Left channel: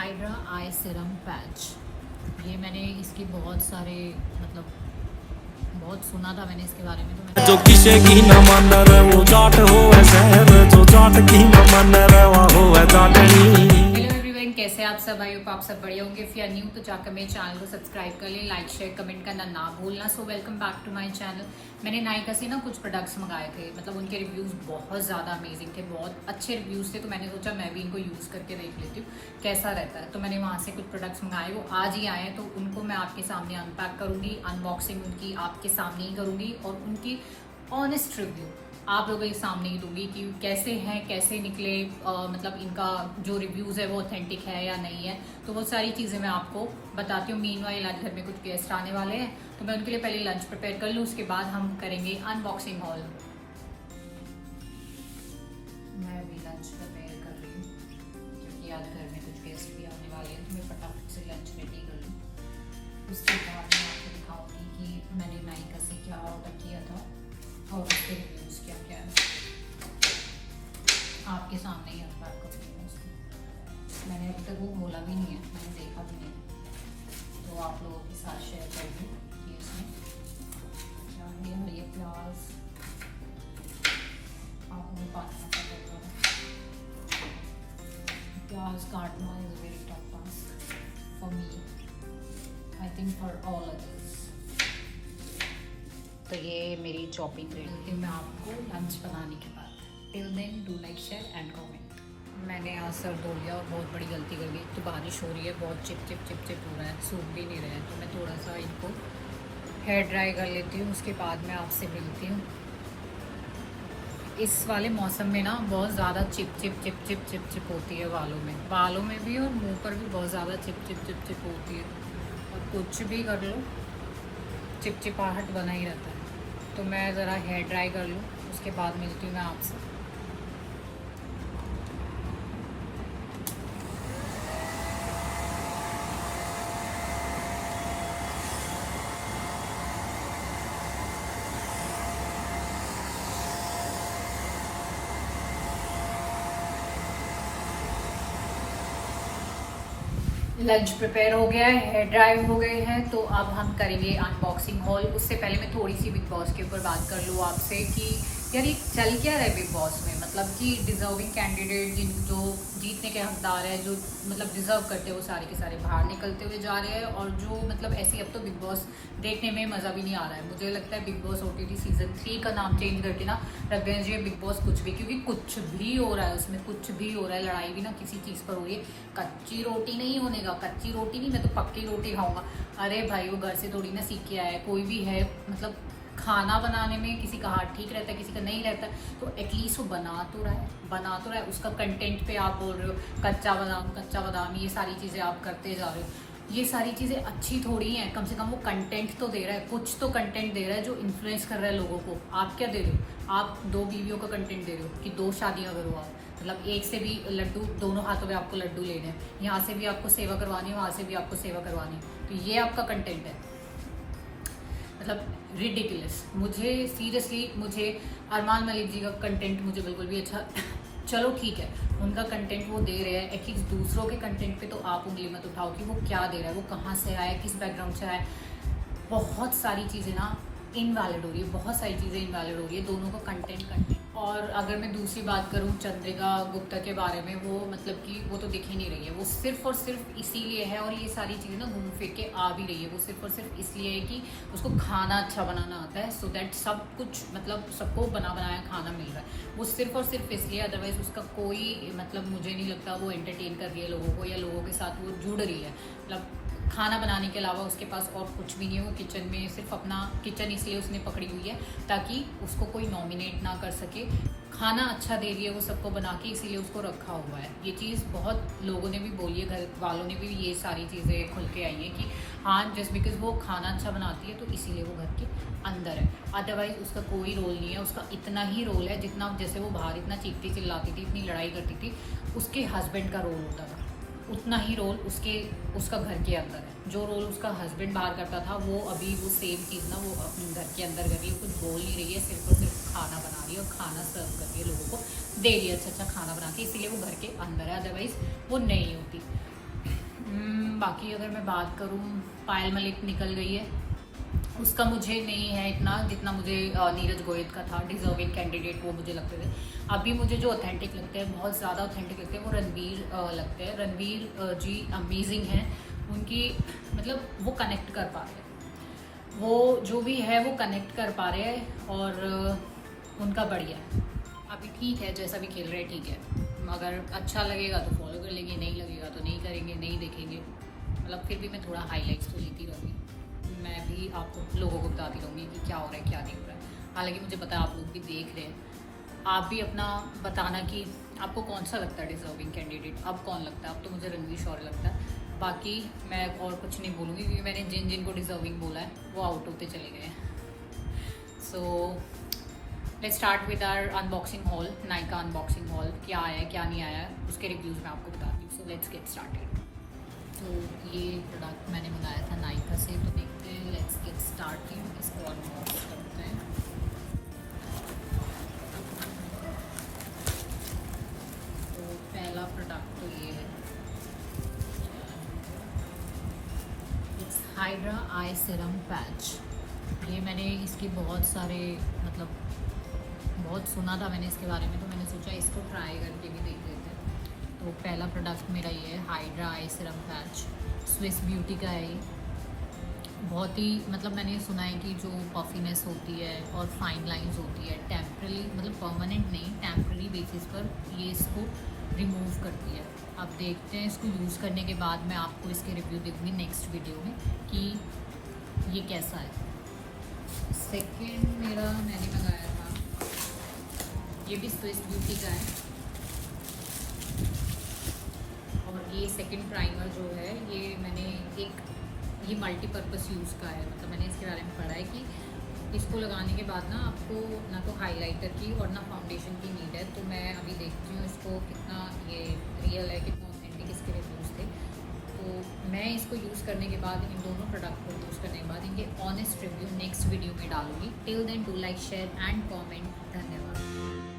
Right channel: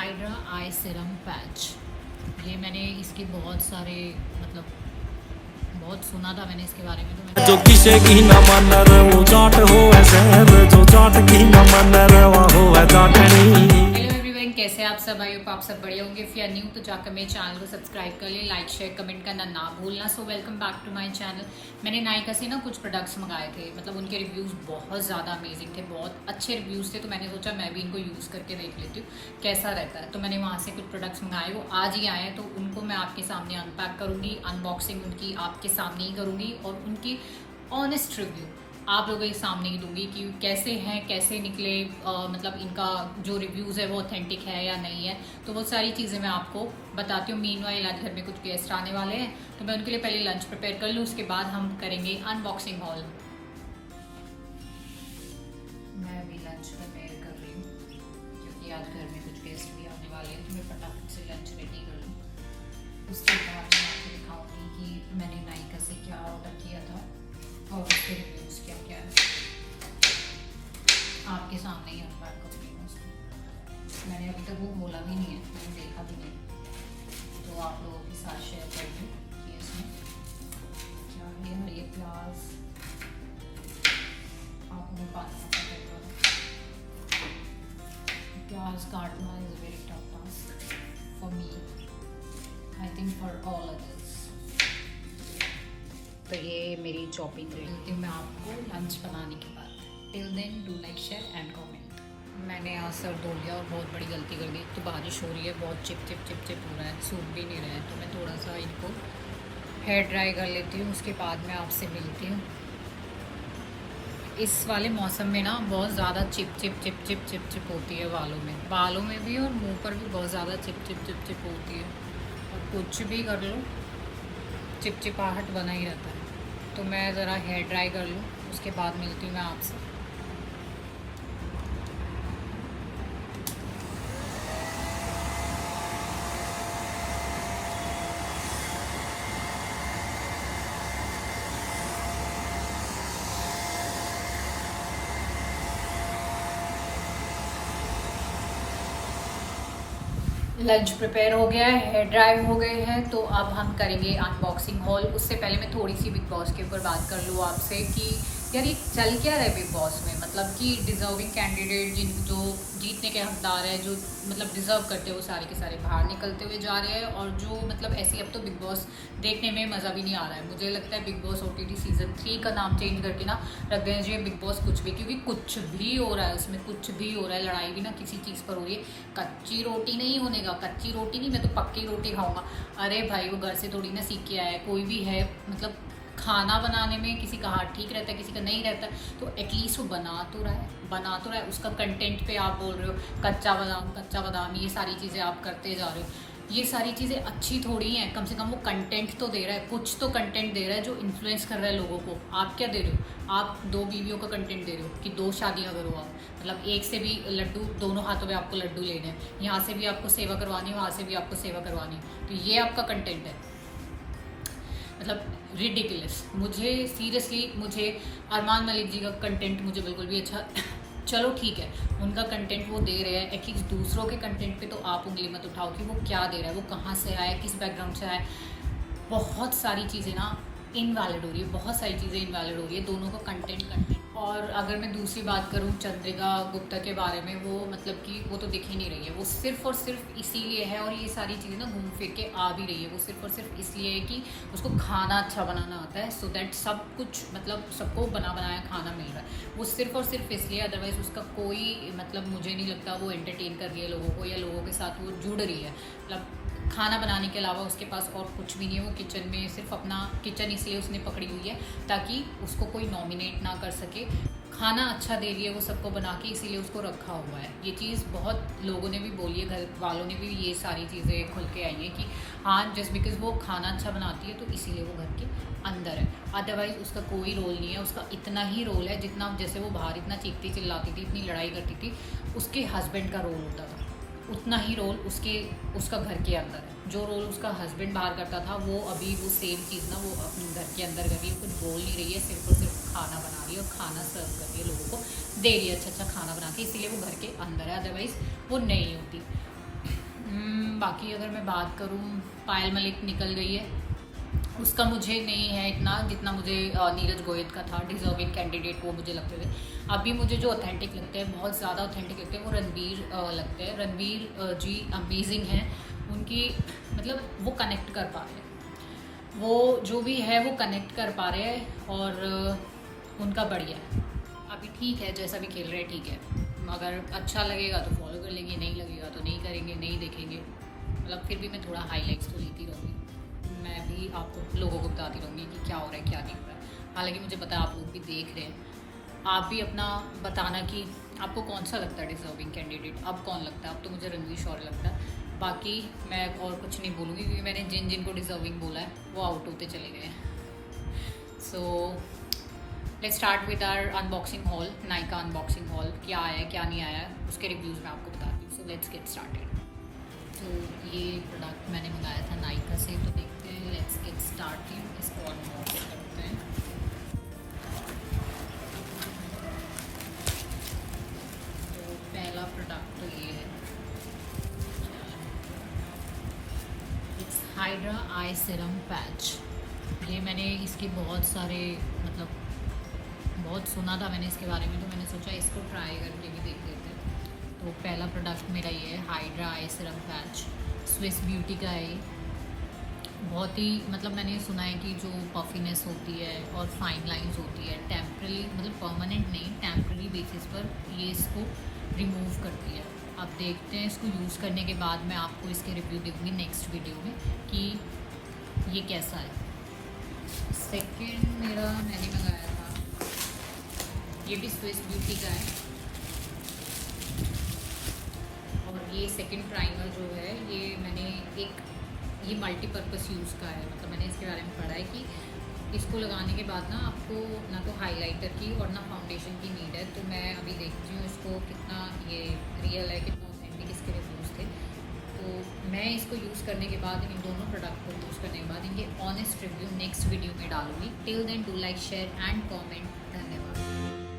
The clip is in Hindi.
हाइड्रा आई सीरम पैच। ये मैंने इसकी बहुत सारे बहुत सुना था मैंने इसके बारे में, तो मैंने जो किसे की न मन रे वो जाट हो शहर, जो जाट की न मन रे वो हो जाटनी। हेलो एवरीवन, कैसे आप सब? आई होप आप सब बढ़िया होंगे। इफ यू आर न्यू तो जाकर मेरे चैनल को सब्सक्राइब कर लें, लाइक शेयर कमेंट करना ना भूलना। So welcome back to my channel. मैंने नायका से ना कुछ प्रोडक्ट्स मंगाए थे, मतलब उनके रिव्यूज़ बहुत ज़्यादा अमेजिंग थे, बहुत अच्छे रिव्यूज़ थे। तो मैंने सोचा मैं भी इनको यूज़ करके देख लेती हूँ कैसा रहता है। तो मैंने वहाँ से कुछ प्रोडक्ट्स मंगाए, वो आज ही आए हैं, तो उनको मैं आपके सामने अनपैक करूँगी, अनबॉक्सिंग उनकी आपके सामने ही करूँगी और उनकी ऑनेस्ट रिव्यू आप लोगों के सामने ही दूंगी कि कैसे हैं, कैसे निकले, मतलब इनका जो रिव्यूज़ है वो ऑथेंटिक है या नहीं है। तो वो सारी चीज़ें मैं आपको बताती हूँ। मीनवाइल आज घर में कुछ गेस्ट आने वाले हैं, तो मैं उनके लिए पहले लंच प्रिपेयर कर लूँ, उसके बाद हम करेंगे अनबॉक्सिंग हॉल। मैं अभी लंच प्रिपेयर कर रही हूँ क्योंकि आज घर में कुछ गेस्ट भी आने वाले हैं, तो मैं फटाफट से लंच रेडी कर लूँ। उसके बाद मैं आपको दिखाऊँगी कि मैंने नायका से क्या ऑर्डर किया था और उसके रिव्यूज़ क्या क्या है। आपके सामने ही अनपैक करूँगी मैं उसको। मैंने अभी तक वो बोला भी नहीं है, मैंने देखा भी नहीं, तो आप लोगों के साथ शेयर कर दूँ कि इसमें क्या है। और ये प्याज आपको मैं काटना पड़ेगा। प्याज काटना is very tough task for me, I think for all others. तो ये मेरी चॉपिंग रेडी मैं आपको लंच बनाने के बाद। Till then do like share and comment. मैंने आज सर धो लिया और बहुत बड़ी गलती कर दी। तो बारिश हो रही है, बहुत चिप चिप चिप चिप हो रहा है, सूख भी नहीं रहा है, तो मैं थोड़ा सा इनको हेयर ड्राई कर लेती हूँ, उसके बाद मैं आपसे मिलती हूँ। इस वाले मौसम में ना बहुत ज़्यादा chip chip chip chip chip chip होती है बालों में भी और मुँह पर भी बहुत ज़्यादा चिप चिप चिप चिप होती है। और कुछ भी कर लो चिपचिपाहट बना ही रहता है। तो मैं ज़रा हेयर ड्राई कर लूँ, उसके बाद मिलती हूँ मैं आपसे। लंच प्रिपेयर हो गया है, हेयर ड्राई हो गए हैं, तो अब हम करेंगे अनबॉक्सिंग हॉल। उससे पहले मैं थोड़ी सी बिग बॉस के ऊपर बात कर लूँ आपसे कि यार ये चल क्या रहा है बिग बॉस में। मतलब कि डिज़र्विंग कैंडिडेट जो जीतने के हकदार है, जो मतलब डिज़र्व करते हैं, वो सारे के सारे बाहर निकलते हुए जा रहे हैं। और जो मतलब ऐसे अब तो बिग बॉस देखने में मज़ा भी नहीं आ रहा है। मुझे लगता है बिग बॉस OTT सीज़न 3 का नाम चेंज करके ना रख देना चाहिए बिग बॉस कुछ भी, क्योंकि कुछ भी हो रहा है उसमें, कुछ भी हो रहा है। लड़ाई भी ना किसी चीज़ पर हो रही है। कच्ची रोटी नहीं होने का, कच्ची रोटी नहीं, मैं तो पक्की रोटी खाऊंगा। अरे भाई वो घर से थोड़ी ना सीख के आया है, कोई भी है। मतलब खाना बनाने में किसी का हाथ ठीक रहता है, किसी का नहीं रहता, तो एटलीस्ट वो बना तो रहा है। उसका कंटेंट पे आप बोल रहे हो कच्चा बादाम, ये सारी चीज़ें आप करते जा रहे हो। ये सारी चीज़ें अच्छी थोड़ी हैं, कम से कम वो कंटेंट तो दे रहा है, कुछ तो कंटेंट दे रहा है जो इन्फ्लुएंस कर रहा है लोगों को। आप क्या दे रहे हो? आप 2 बीवियों का कंटेंट दे रहे हो कि 2 शादियाँ करो आप। मतलब एक से भी लड्डू, दोनों हाथों में आपको लड्डू लेने हैं, यहाँ से भी आपको सेवा करवानी है, वहाँ से भी आपको सेवा करवानी है, तो ये आपका कंटेंट है। मतलब रिडिकुलस। मुझे सीरियसली, मुझे अरमान मलिक जी का कंटेंट मुझे बिल्कुल भी अच्छा चलो ठीक है, उनका कंटेंट वो दे रहे हैं, एटलीस्ट दूसरों के कंटेंट पे तो आप उंगली मत उठाओ कि वो क्या दे रहा है, वो कहाँ से आया है, किस बैकग्राउंड से आया है। बहुत सारी चीज़ें ना इनवैलिड हो रही है, बहुत सारी चीज़ें इनवैलिड हो रही है, दोनों का कंटेंट। और अगर मैं दूसरी बात करूँ चंद्रिका गुप्ता के बारे में, वो मतलब कि वो तो दिख ही नहीं रही है। वो सिर्फ और सिर्फ इसीलिए है, और ये सारी चीज़ें ना घूम फिर के आ भी रही है, वो सिर्फ और सिर्फ इसलिए है कि उसको खाना अच्छा बनाना आता है, सो दैट सब कुछ मतलब सबको बना बनाया खाना मिल रहा है। वो सिर्फ और सिर्फ इसलिए, अदरवाइज़ उसका कोई मतलब मुझे नहीं लगता वो एंटरटेन कर रही है लोगों को, या लोगों के साथ वो जुड़ रही है। मतलब खाना बनाने के अलावा उसके पास और कुछ भी नहीं है। वो किचन में सिर्फ अपना किचन इसलिए उसने पकड़ी हुई है ताकि उसको कोई नॉमिनेट ना कर सके। खाना अच्छा दे रही है वो सबको बना के, इसीलिए उसको रखा हुआ है। ये चीज़ बहुत लोगों ने भी बोली है, घर वालों ने भी ये सारी चीज़ें खुल के आई है कि हाँ जस्ट बिकॉज वो खाना अच्छा बनाती है तो इसीलिए वो घर के अंदर है, अदरवाइज उसका कोई रोल नहीं है। उसका इतना ही रोल है जितना, जैसे वो बाहर इतना चीखती चिल्लाती थी, इतनी लड़ाई करती थी, उसके हस्बैंड का रोल होता था, उतना ही रोल उसका घर के अंदर है। जो रोल उसका हस्बैंड बाहर करता था, वो अभी वो सेम चीज़ ना वो अपने घर के अंदर कर रही है। कुछ बोल नहीं रही है, सिर्फ और सिर्फ खाना बना रही है और खाना सर्व कर रही है, लोगों को दे रही है, अच्छा अच्छा खाना बना के, इसलिए वो घर के अंदर है, अदरवाइज़ वो नहीं होती। बाकी अगर मैं बात करूँ, पायल मलिक निकल गई है, उसका मुझे नहीं है इतना जितना मुझे नीरज गोयत का था। डिजर्विंग कैंडिडेट वो मुझे लगते थे। अभी मुझे जो ऑथेंटिक लगते हैं, बहुत ज़्यादा ऑथेंटिक लगते हैं, वो रणवीर लगते हैं। रणवीर जी अमेजिंग है। उनकी मतलब वो कनेक्ट कर पा रहे हैं, वो जो भी है वो कनेक्ट कर पा रहे हैं और उनका बढ़िया है। अभी ठीक है, जैसा भी खेल रहे हैं ठीक है। अगर अच्छा लगेगा तो फॉलो कर लेंगे, नहीं लगेगा तो नहीं करेंगे, नहीं देखेंगे। मतलब फिर भी मैं थोड़ा हाईलाइट्स तो लेती रहूँगी। मैं भी आपको लोगों को बताती रहूँगी कि क्या हो रहा है क्या नहीं हो रहा है। हालांकि मुझे पता है आप लोग भी देख रहे हैं। आप भी अपना बताना कि आपको कौन सा लगता है डिजर्विंग कैंडिडेट। अब कौन लगता है? अब तो मुझे रणवीर शौर्य लगता है। बाकी मैं और कुछ नहीं बोलूँगी क्योंकि मैंने जिन जिन को डिजर्विंग बोला है वो आउट होते चले गए हैं। So let's start with our unboxing haul. Nykaa unboxing haul, क्या आया है क्या नहीं आया है उसके रिव्यूज़ मैं आपको बताती हूँ। So let's get started. तो ये प्रोडक्ट मैंने मंगाया था नायका से, तो देखते हैं। लेट्स गेट स्टार्टेड, इसको अनबॉक्स करते हैं। तो पहला प्रोडक्ट तो ये है, it's hydra I serum patch. ये मैंने इसके बहुत सारे मतलब बहुत सुना था मैंने इसके बारे में, तो मैंने सोचा इसको ट्राई करके भी देख लेते हैं। तो पहला प्रोडक्ट मेरा ये है हाइड्रा आई सीरम पैच। स्विस ब्यूटी का है ये। बहुत ही मतलब मैंने सुना है कि जो पफिनेस होती है और फाइन लाइंस होती है टेम्पररी, मतलब परमानेंट नहीं, टेम्पररी बेसिस पर ये इसको रिमूव करती है। अब देखते हैं इसको यूज़ करने के बाद मैं आपको इसके रिव्यू दूँगी नेक्स्ट वीडियो में कि ये कैसा है। सेकेंड मेरा मैंने मंगाया था, ये भी स्विस ब्यूटी का है। और ये सेकंड प्राइमर जो है ये मैंने ये मल्टीपर्पज़ यूज़ का है। मतलब मैंने इसके बारे में पढ़ा है कि इसको लगाने के बाद ना आपको ना तो हाइलाइटर की और ना फाउंडेशन की नीड है। तो मैं अभी देखती हूँ इसको कितना ये रियल है, कितना ऑथेंटिक इसके रिव्यूज़ थे। तो मैं इसको यूज़ करने के बाद, इन दोनों प्रोडक्ट को यूज़ करने के बाद इनके ऑनेस्ट रिव्यू नेक्स्ट वीडियो में डालूंगी। Till then do like, share and comment. धन्यवाद।